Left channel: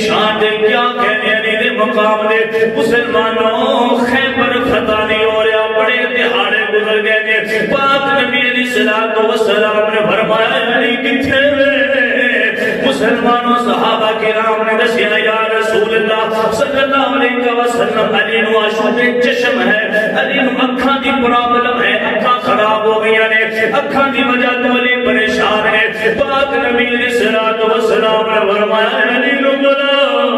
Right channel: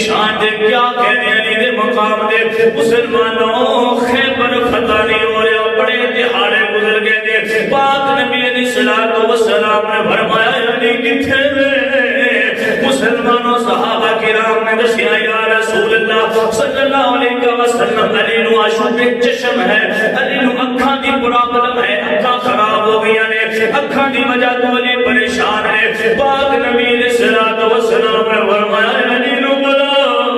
شان دے کیا کہنے علی دے مقام دے مسلمانوں خیبر فتح نہیں ہو رہا بڑے دہاڑے گزر گئے دے پاک نبی علیہ الصلوۃ والسلام نے فرمایا علی کتھے مسلمانوں صحابہ کرام نے دسیا یا رسول اللہ صلی اللہ علیہ وسلم علی نو عاشق چشم ہے علی نو اکھاں دی پرابلم ہے اکھاں خراب ہو گئی نے اکھاں دی وجہ تو علی پریشان ہے پاک نبی علیہ الصلوۃ والسلام نے فرمایا علی نو بلاؤ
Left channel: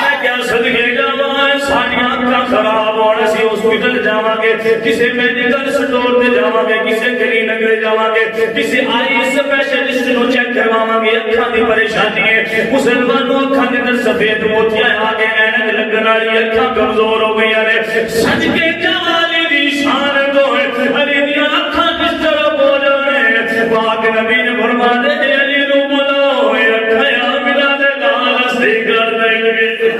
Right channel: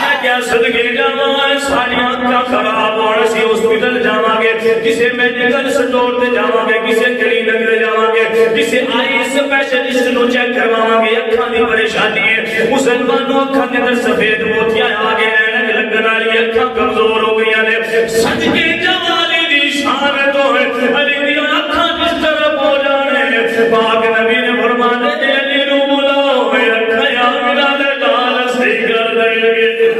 میں کیا صدقے جاواں ساری اکھاں خراب اور اسی ہاسپٹل جاواں گے کسے میڈیکل سٹور تے جاواں گے کسے کلینک تے جاواں گے کسے آئی اسپیشلسٹ نو چیک کرواواں گے اکھاں دی پریشانی ہے مسلمانوں اکھاں دے اندر سفید موتیاں آ گئے اینک لگن والی اکھاں کمزور ہو گئی نے صدقے جاواں علی دی شان تو ہے علی دی اکھاں کس طرح ہو جانے پاک نبی نے فرمایا علی نو بلاؤ اکھاں ملا دے نال صحیح کر دیں گے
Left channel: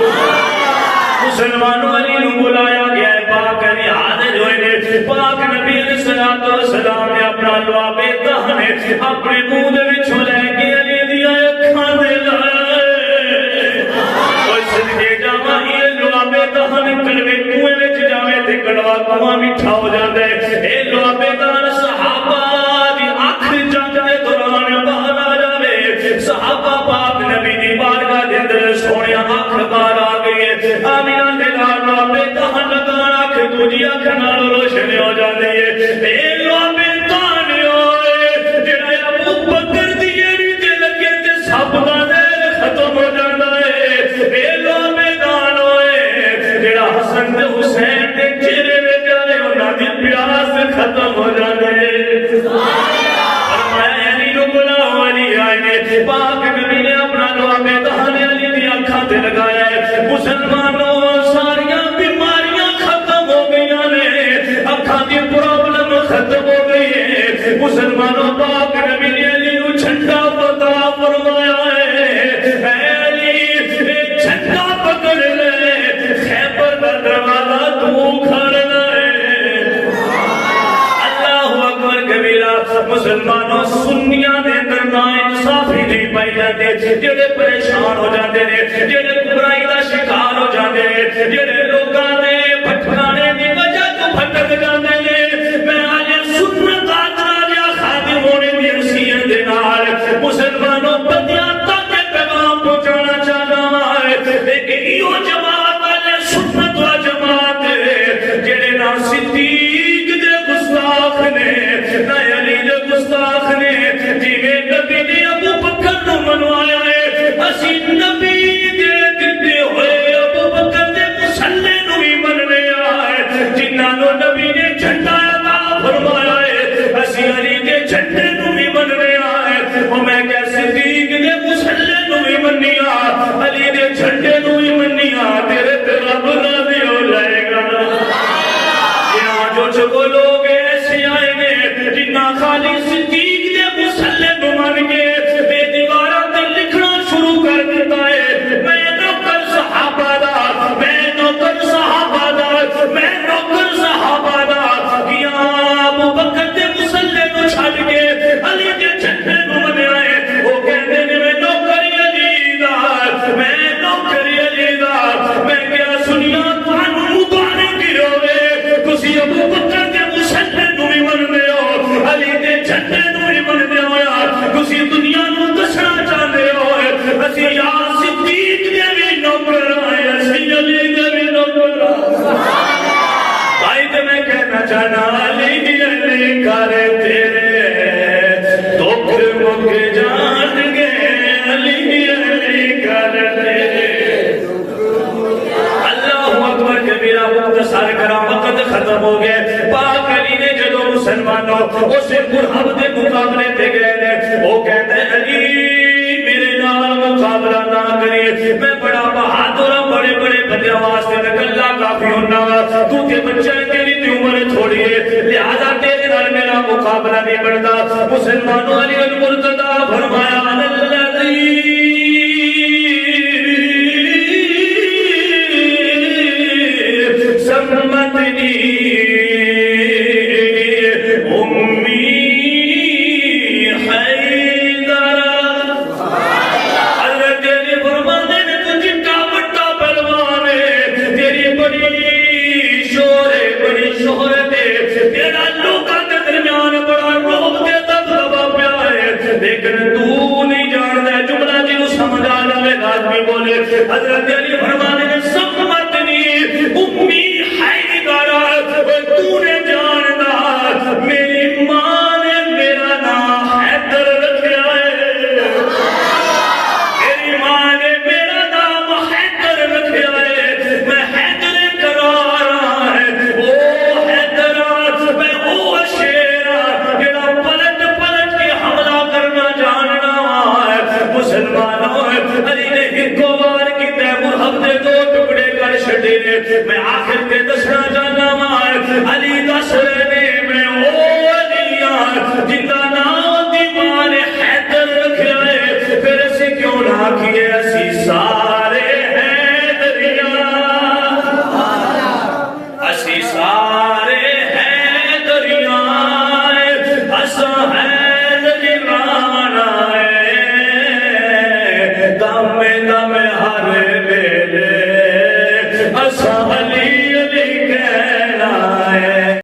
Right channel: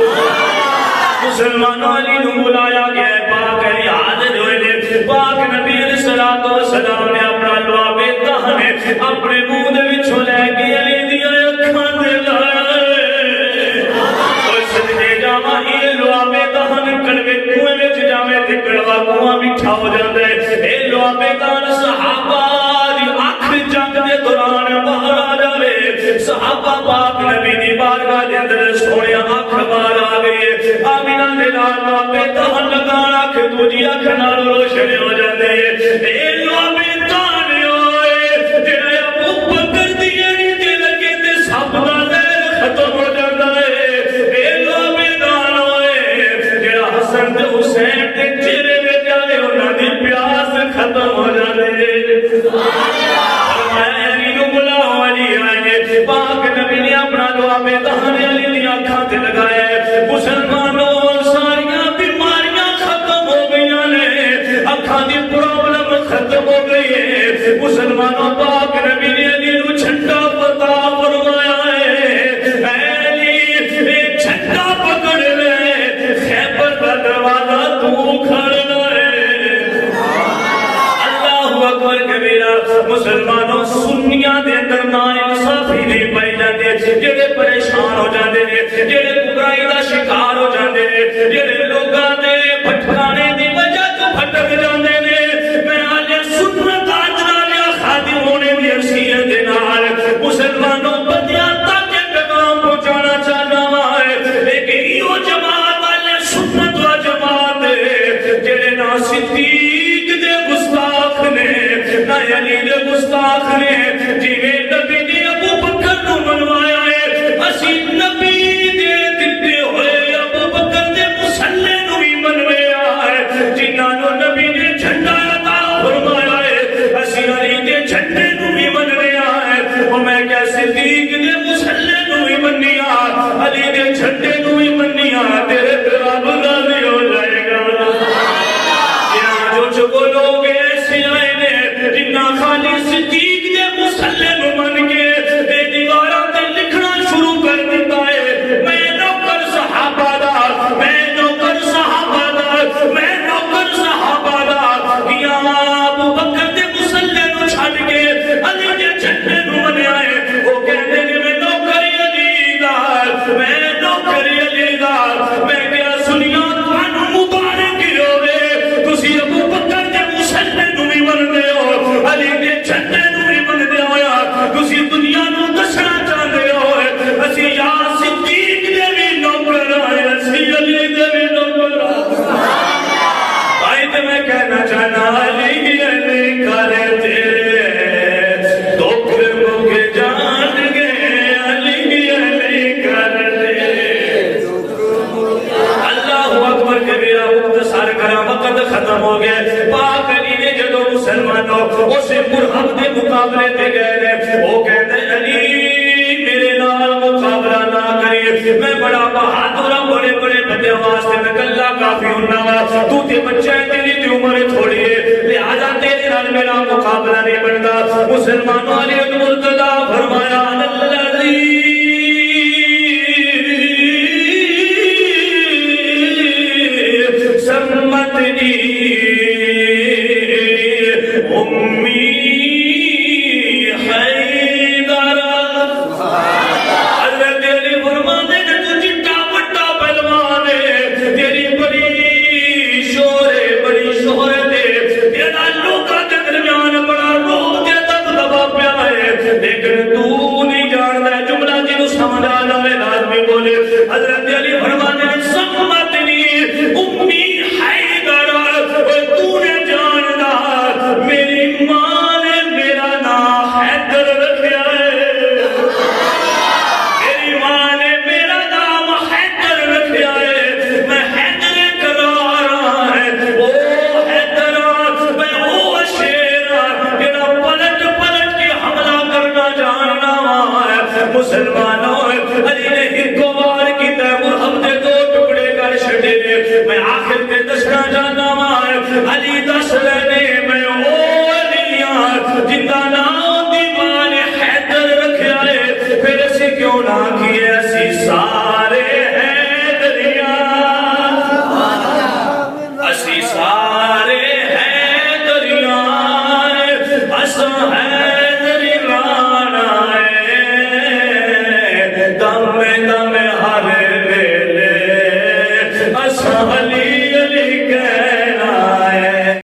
مسلمانوں علی نو بلایا گیا ہے پاک علی حاضر ہوئے پاک نبی علیہ الصلوۃ والسلام نے اپنا لعاب دہن اپنے منہ دے وچوں لے کے علی دی اکھاں تے لائے اوے صدقے جاواں اے لعاب دہن کڑوے کنویں وچ جاوے تے کڑوا کنواں میٹھا ہو جاندا ہے اے لعاب دہن صحابہ دی اکھ جنگ دے دوران باہر آ جاوے صحابہ پاک نبی دی بارگاہ دے اندر سونے اکھ باہر آ گئی ہے آمینہ دے نال لعاب دہن لگا اکھ دنیا اکھ نال روشن ہو جاندی ہے اے لعاب دہن ہوئے جڑا ابو بکر دی اڑی تے لگے تے سب دا ختم ہو جاندا ہے اے لعاب دہن ہوئے جڑا حسن تے حسین دے چہرے وچ آوے انہاں دی پیاس ختم ہو جاندے فرمایا علی نو بلاؤ علی آئے پاک نبی نے اپنا لعاب دہن علی دی اکھاں تے لگایا ہے مسلمانوں ساریاں بیماریاں ختم ہو گئیاں نے اکھاں دی پرابلم ختم ہو گئی ہے مسلمانوں پاک نبی نے علی نو جھنڈا عطا فرمایا ہے اے علی اے جھنڈا پکڑ لے خیبر دا دروازہ تو کھڑنا ہے اللہ اکبر کبیرہ مسلمانوں سنیاں دے اندر نا انصافی نہیں پائی جاندی جڑے پریشان ہو جاندے نے جڑے برائی دا شکار ہو جاندے نے جڑے لوکاں دے بھٹکانے دی وجہ تو بھٹک جاندے نے میں آج سنت آدھا خادم ہونے دی حیثیت دے نال مسلمانوں بندیاں تک پیغام پہنچانا چاہنا ہے لیکن ایو جماعت والے سنت و جماعت جڑے نا صدیق دے گستاخ نے نہ علی دے گستاخ نے جویں نبی نے ابو بکر نو منوایا ہے اسی نبی دے دتے ہوئے ابو بکر دے مسلے نو بھی منوایا ہے جنہاں نو نبی نے جھنڈا عطا فرمایا ہے اسی علی دے جھنڈے نو بھی منوایا ہے او میں کیا صدیق دے مسلے نو بھی منیا علی دے جھنڈے نو بھی منیا تیرے تے رب راضی ہو جائے گا یہ جو چگو لوگ ایسے آئے نے جنہاں خالی صدیق دے مسلے نو من کے تے دیواراں تے لکھنا شروع کر دیتا ہے میں نوکر صحابہ دا میں نوکر صحابہ دا میں نوکر صحابہ دا یا ابو بکر دے مسلے نو چھڈ کے علی دے جھنڈے نو منیا ہے وہ کہندے نے میں نوکر علی دا میں نوکر علی دا میں کیا سنیا تانوں مبارک ہوے تسی ابو بکر دے مسلے نو بھی منتے ہو علی دے جھنڈے نو بھی منتے ہو تسی دنیا نو دسنا چاہتے ہو اسی یا صدیق دے بھی نوکر آئے اسی علی دے بھی نوکر آئے تے میں کہنا چاہنا علی علی کرے تیرے دکھ مک جان گے علی علی کرے اللہ اکبر کبیرہ مختصر کرا وقت ختم ہو گئے پاک علی نے جدو مسلمانوں اسے مرحب دے مقابلے تے گئے وہ کہتے ہیں علی میرے نال مقابلہ نہ کری میں بڑا بہادر ہوں بڑے بڑے بندے واسطے میں کلا کافی ہونا تو تے بچے تیری تے عمر تھوڑی ہے لہذا تیرے نال میرا مقابلہ نہیں بنتا مسلمانوں علی المرتضی فرمایا الذی سمتنی امی حضرت علی فرماتے ہیں سمتنی امی حیدر، تو نے جاننا میری ماں نے میرا نام حیدر رکھا ہے، میری ماں نے میرا نام حیدر رکھا ہے، میں حیدر کرا رہا ہے، او حیدر میں او شیر جڑا پلٹ پلٹ کے حملہ کرنا جاننا ہے۔ مسلمانوں علی نے ہکو وار کی طرح مرہم دے دو ٹکڑے کر چھڑے، میں آخر کے دسنا جاننا ہے